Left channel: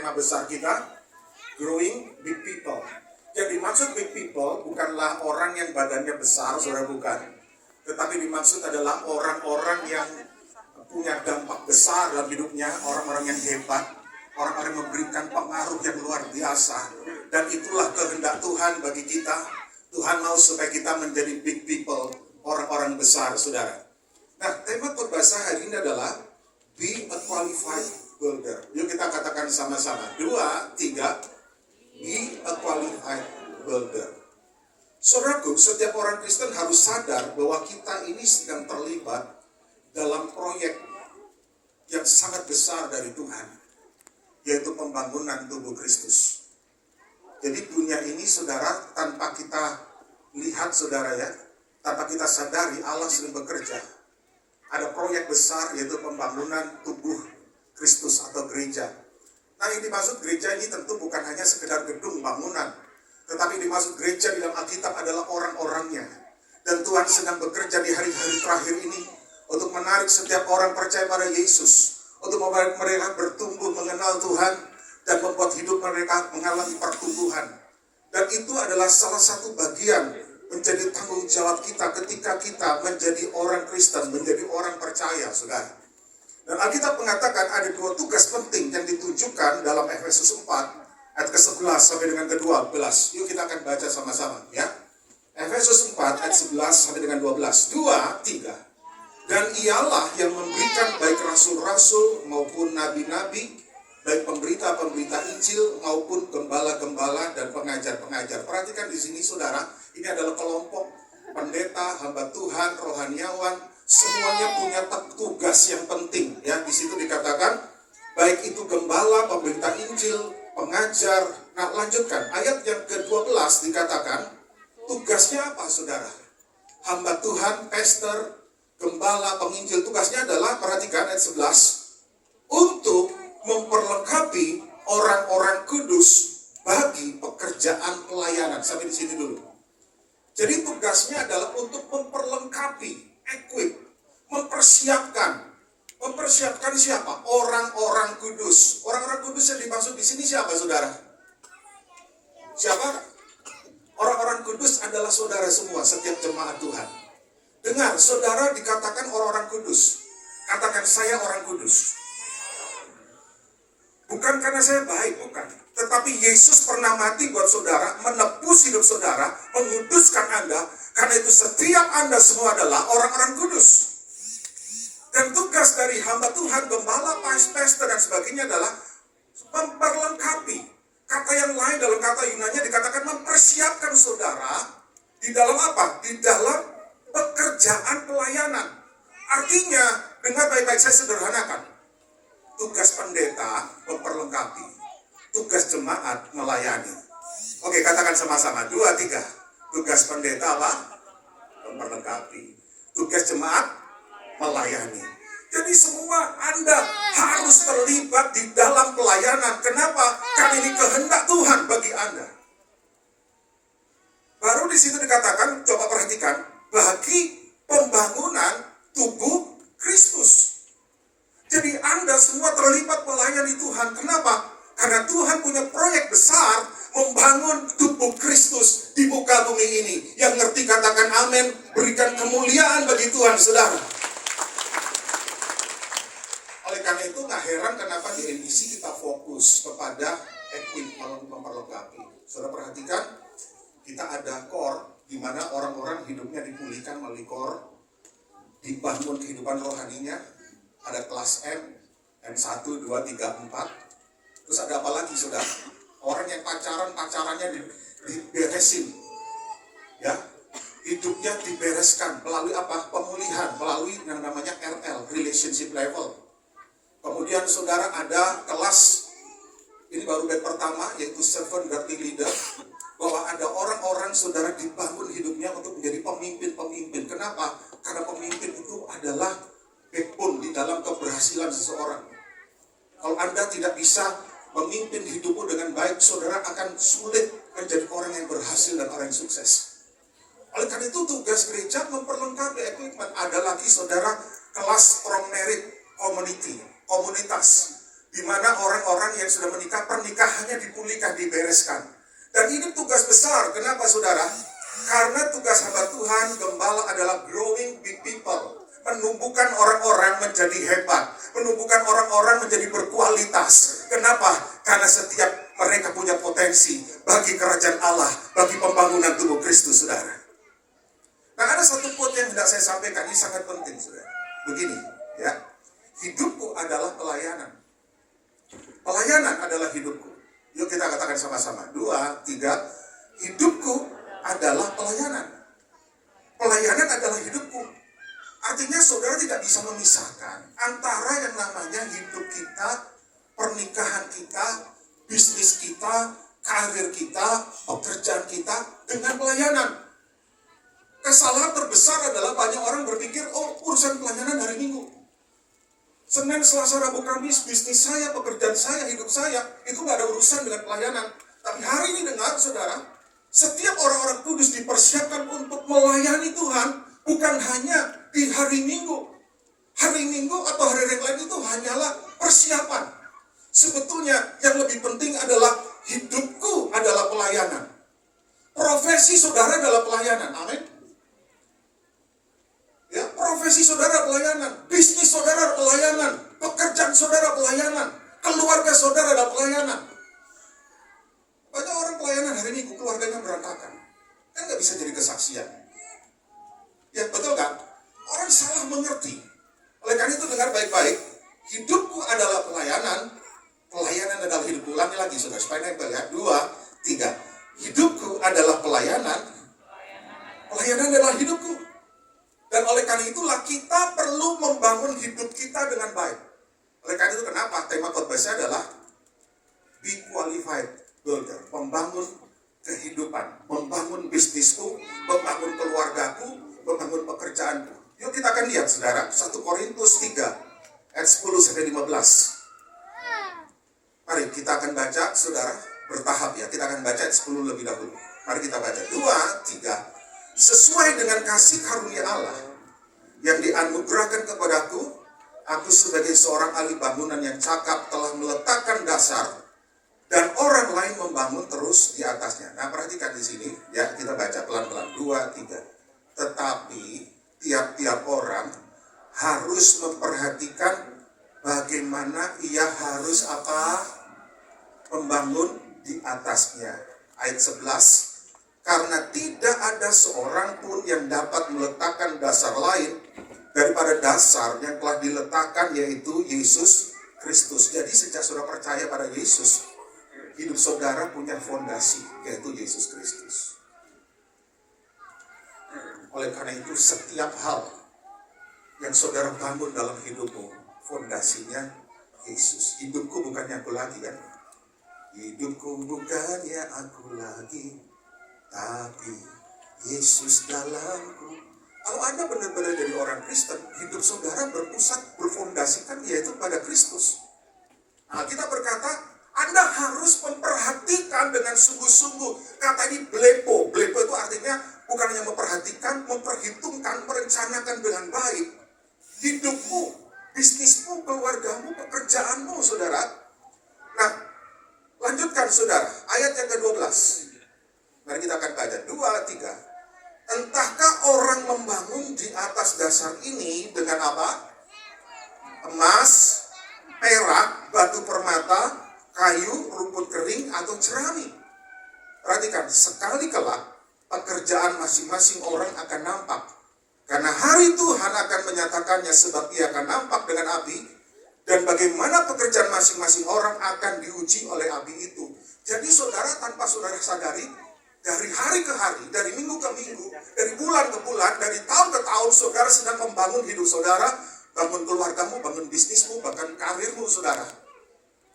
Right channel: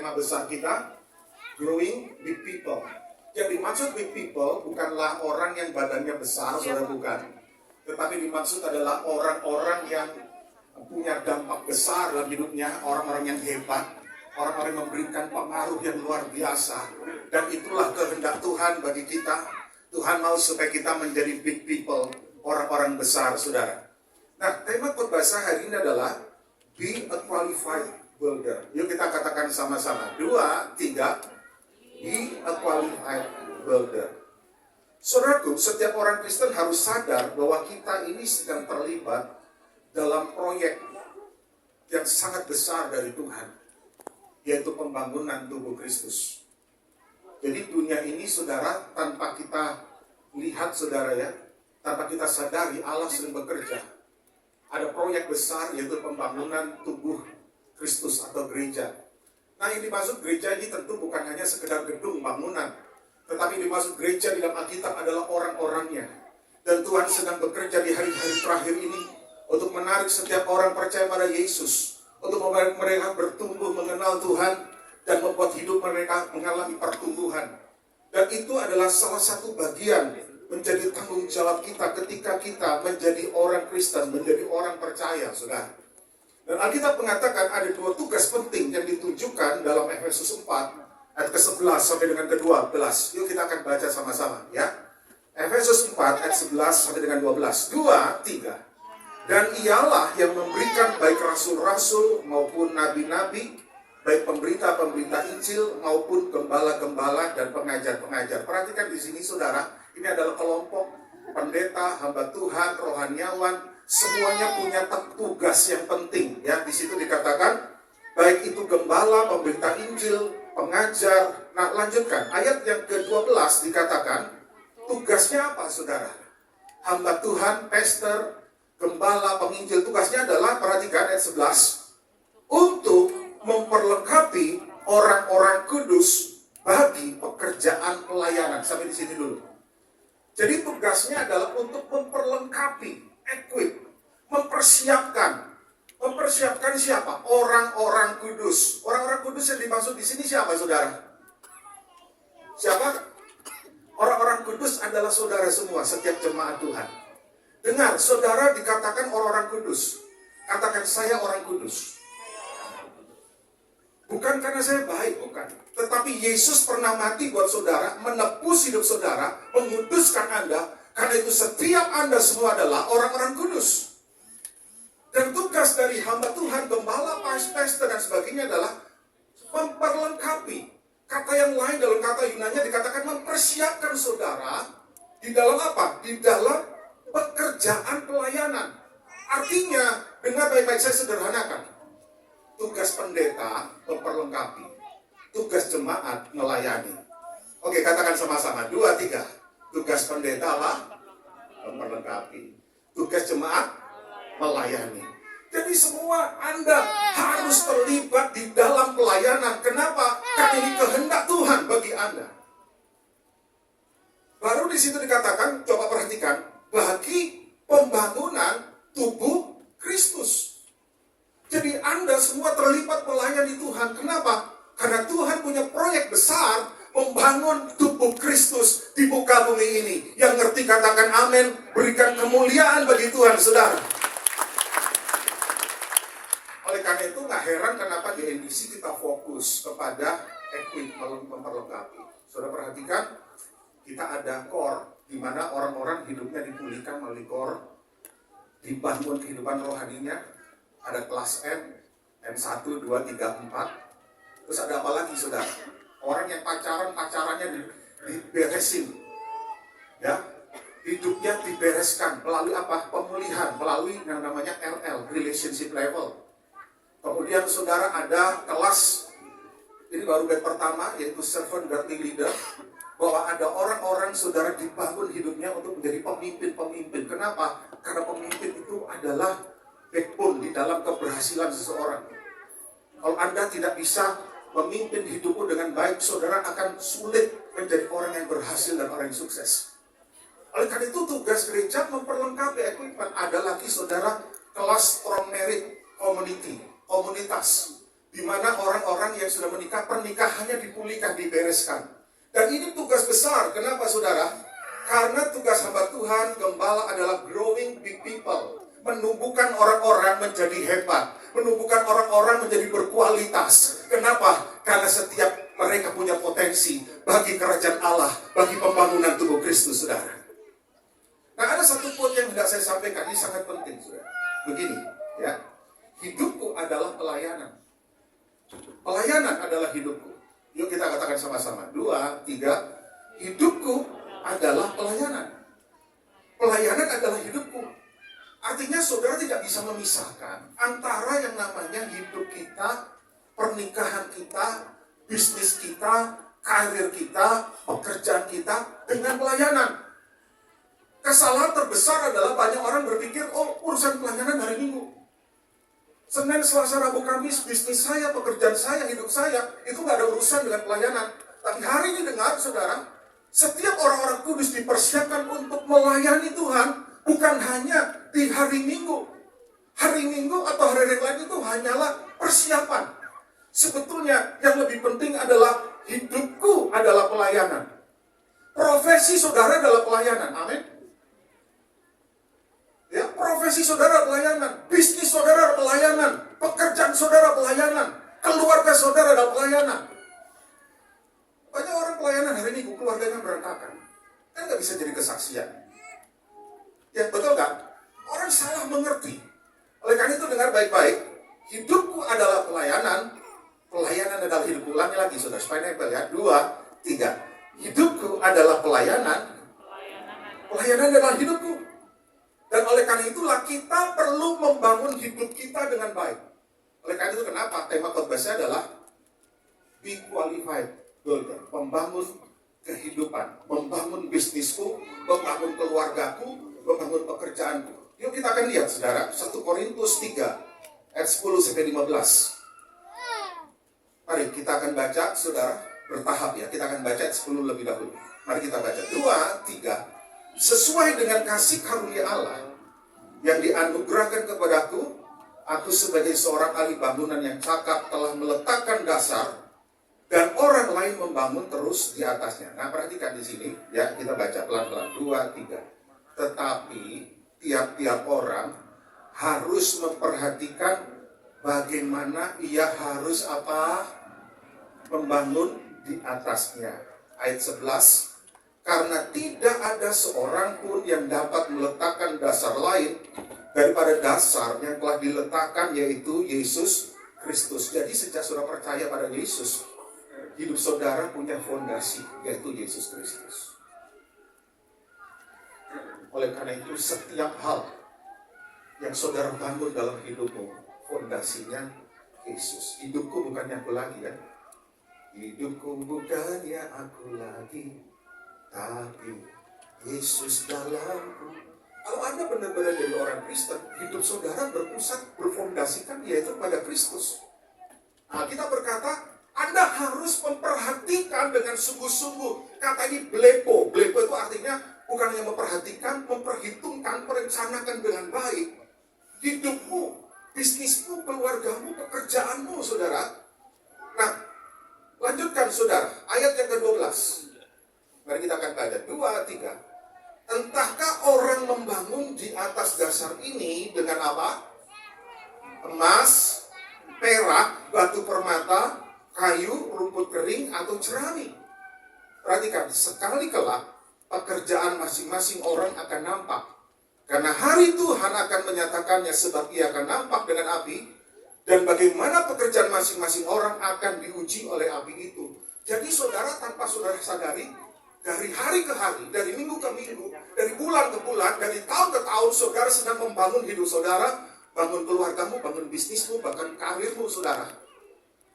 tema besar kita, Growing Big People. Yang dimaksud big people bukanlah orang yang badannya besar, saudara, bukan. Tetapi dimaksud adalah orang-orang yang punya dampak besar dalam hidupnya, orang-orang yang hebat, orang-orang yang memberikan pengaruh yang luar biasa. Dan itulah kehendak Tuhan bagi kita. Tuhan mau supaya kita menjadi big people, orang-orang besar, saudara. Nah, tema khotbah hari ini adalah Be a Qualified Builder. Yuk kita katakan sama-sama. 2, 3. Be a Qualified Builder. Saudaraku, setiap orang Kristen harus sadar bahwa kita ini sedang terlibat dalam proyek yang sangat besar dari Tuhan, yaitu pembangunan tubuh Kristus. Jadi dunia ini, saudara, tanpa kita lihat, saudara, ya, tanpa kita sadari, Allah sering bekerja. Ada proyek besar, yaitu pembangunan tubuh Kristus atau gereja. Nah, yang dimaksud gereja ini tentu bukan hanya sekedar gedung bangunan, tetapi dimaksud gereja di dalam Alkitab adalah orang-orangnya. Dan Tuhan sedang bekerja di hari-hari terakhir ini untuk menarik setiap orang percaya pada Yesus, untuk membuat mereka bertumbuh mengenal Tuhan dan membuat hidup mereka mengalami pertumbuhan. Dan itu adalah salah satu bagian menjadi tanggung jawab kita ketika kita menjadi orang Kristen, menjadi orang percaya, saudara. Dan Alkitab mengatakan ada 2 tugas penting yang ditunjukkan dalam Efesus 4 ayat ke-11 sampai dengan ke-12. Yuk kita akan baca sama-sama, ya. Efesus 4 ayat 11 sampai dengan 12. 2, 3. Dan ialah yang memberikan baik rasul-rasul maupun nabi-nabi, baik pemberita-pemberita Injil maupun gembala-gembala dan pengajar-pengajar. Perhatikan di sini, saudara, ini adalah kelompok pendeta, hamba Tuhan, rohaniawan, semuanya punya tugas yang penting. Ya, di situ dikatakan baik itu gembala, pemberita Injil, pengajar. Nah, lanjutkan ayat yang ke-12 dikatakan tugasnya apa, saudara? Hamba Tuhan, pastor, gembala, penginjil, tugasnya adalah, perhatikan ayat 11, untuk memperlengkapi orang-orang kudus bagi pekerjaan pelayanan. Sampai di sini dulu. Jadi tugasnya adalah untuk memperlengkapi, equip, mempersiapkan. Mempersiapkan siapa? Orang-orang kudus. Orang-orang kudus yang dimaksud di sini siapa, saudara? Siapa? Orang-orang kudus adalah saudara semua, setiap jemaat Tuhan. Dengar, saudara dikatakan orang-orang kudus. Katakan, saya orang kudus. Bukan karena saya baik, bukan. Tetapi Yesus pernah mati buat saudara, menebus hidup saudara, menguduskan Anda. Karena itu setiap Anda semua adalah orang-orang kudus. Dan tugas dari hamba Tuhan, gembala, pastor, dan sebagainya adalah memperlengkapi. Kata yang lain dalam kata Yunani dikatakan mempersiapkan saudara di dalam apa? Di dalam pekerjaan pelayanan. Artinya, dengar baik-baik, saya sederhanakan. Tugas pendeta memperlengkapi, tugas jemaat melayani. Oke, katakan sama-sama. 2, 3. Tugas pendeta apa? Memperlengkapi. Tugas jemaat melayani. Jadi semua Anda harus terlibat di dalam pelayanan. Kenapa? Karena ini kehendak Tuhan bagi Anda. Baru di situ dikatakan, coba perhatikan, bagi pembangunan tubuh Kristus. Jadi Anda semua terlibat melayani Tuhan. Kenapa? Karena Tuhan punya proyek besar membangun tubuh Kristus di muka bumi ini. Yang ngerti katakan amin. Berikan kemuliaan bagi Tuhan, saudara. Oleh karena itu gak heran kenapa di NDC kita fokus kepada memperlengkapi. Saudara perhatikan, kita ada core di mana orang-orang hidupnya dipulihkan melalui core, dibangun kehidupan rohaninya. Ada kelas M, M1, 2, 3, 4. Terus ada apa lagi, saudara? Orang yang pacarannya diberesin. Ya, hidupnya dibereskan melalui apa? Pemulihan, melalui yang namanya RL, relationship level. Kemudian saudara ada kelas, ini baru batch pertama, yaitu servant godly leader. Bahwa ada orang-orang, saudara, dibangun hidupnya untuk menjadi pemimpin-pemimpin. Kenapa? Karena pemimpin itu adalah backbone di dalam keberhasilan seseorang. Kalau Anda tidak bisa memimpin hidupmu dengan baik, saudara akan sulit menjadi orang yang berhasil dan orang yang sukses. Oleh karena itu tugas gereja memperlengkapi equipment. Ada lagi, saudara, kelas strong merit community, komunitas, di mana orang-orang yang sudah menikah, pernikahannya dipulihkan, dibereskan. Dan ini tugas besar. Kenapa saudara? Karena tugas hamba Tuhan, gembala adalah growing big people. Menumbuhkan orang-orang menjadi hebat. Menumbuhkan orang-orang menjadi berkualitas. Kenapa? Karena setiap mereka punya potensi bagi kerajaan Allah, bagi pembangunan tubuh Kristus, saudara. Nah, ada satu poin yang tidak saya sampaikan, ini sangat penting, saudara. Begini, ya. Hidupku adalah pelayanan. Pelayanan adalah hidupku. Yuk kita katakan sama-sama. 2, 3. Hidupku adalah pelayanan. Pelayanan adalah hidupku. Artinya saudara tidak bisa memisahkan antara yang namanya hidup kita, pernikahan kita, bisnis kita, karir kita, pekerjaan kita dengan pelayanan. Kesalahan terbesar adalah banyak orang berpikir, oh urusan pelayanan hari Minggu. Senin, Selasa, Rabu, Kamis, bisnis saya, pekerjaan saya, hidup saya, itu gak ada urusan dengan pelayanan. Tapi hari ini dengar saudara, setiap orang-orang kudus dipersiapkan untuk melayani Tuhan, bukan hanya di hari Minggu. Hari Minggu atau hari yang lain itu hanyalah persiapan. Sebetulnya yang lebih penting adalah hidupku adalah pelayanan. Profesi saudara adalah pelayanan, amin. Ya, profesi saudara pelayanan, bisnis saudara pelayanan, pekerjaan saudara pelayanan, keluarga saudara adalah pelayanan. Banyak orang pelayanan hari ini keluarganya berantakan, kan nggak bisa jadi kesaksian. Ya betul kan? Orang salah mengerti. Oleh karena itu dengar baik-baik, hidupku adalah pelayanan, pelayanan adalah hidup. Ulangi lagi saudara supaya nempel ya. 2, 3. Hidupku adalah pelayanan, pelayanan adalah hidupku. Dan oleh karena itulah kita perlu membangun hidup kita dengan baik. Oleh karena itu kenapa tema khotbah saya adalah Be Qualified Builder. Membangun kehidupan, membangun bisnisku, membangun keluargaku, membangun pekerjaanku. Yuk kita akan lihat saudara, 1 Korintus 3 ayat 10 sampai 15. Mari kita akan baca saudara, bertahap ya. Kita akan baca ayat 10 lebih dahulu. Mari kita baca 2, 3. Sesuai dengan kasih karunia Allah yang dianugerahkan kepadaku, aku sebagai seorang ahli bangunan yang cakap telah meletakkan dasar dan orang lain membangun terus di atasnya. Nah, perhatikan di sini ya, kita baca pelan-pelan 2, 3. Tetapi tiap-tiap orang harus memperhatikan bagaimana ia harus membangun di atasnya. Ayat 11. Karena tidak ada seorang pun yang dapat meletakkan dasar lain daripada dasar yang telah diletakkan, yaitu Yesus Kristus. Jadi sejak saudara percaya pada Yesus, hidup saudara punya fondasi, yaitu Yesus Kristus. Oleh karena itu setiap hal yang saudara bangun dalam hidupmu, fondasinya Yesus. Hidupku bukannya aku lagi kan? Hidupku bukannya aku lagi, tapi Yesus dalamku. Kalau Anda benar-benar jadi orang Kristen, hidup saudara berpusat, berfondasikan yaitu pada Kristus. Nah, kita berkata, Anda harus memperhatikan dengan sungguh-sungguh. Kata ini blepo. Blepo itu artinya bukan hanya memperhatikan, memperhitungkan, merencanakan dengan baik. Hidupmu, bisnismu, keluargamu, pekerjaanmu, saudara. Nah, lanjutkan saudara, ayat yang ke-12. Mari kita akan baca 2, 3. Entahkah orang membangun di atas dasar ini dengan apa? Emas, perak, batu permata, kayu, rumput kering, atau jerami. Perhatikan, sekali kelak pekerjaan masing-masing orang akan nampak. Karena hari Tuhan akan menyatakannya, sebab ia akan nampak dengan api. Dan bagaimana pekerjaan masing-masing orang akan diuji oleh api itu. Jadi saudara, tanpa saudara sadari, dari hari ke hari, dari minggu ke minggu, dari bulan ke bulan, dari tahun ke tahun, saudara sedang membangun hidup saudara, bangun keluargamu, bangun bisnismu, bahkan karirmu saudara.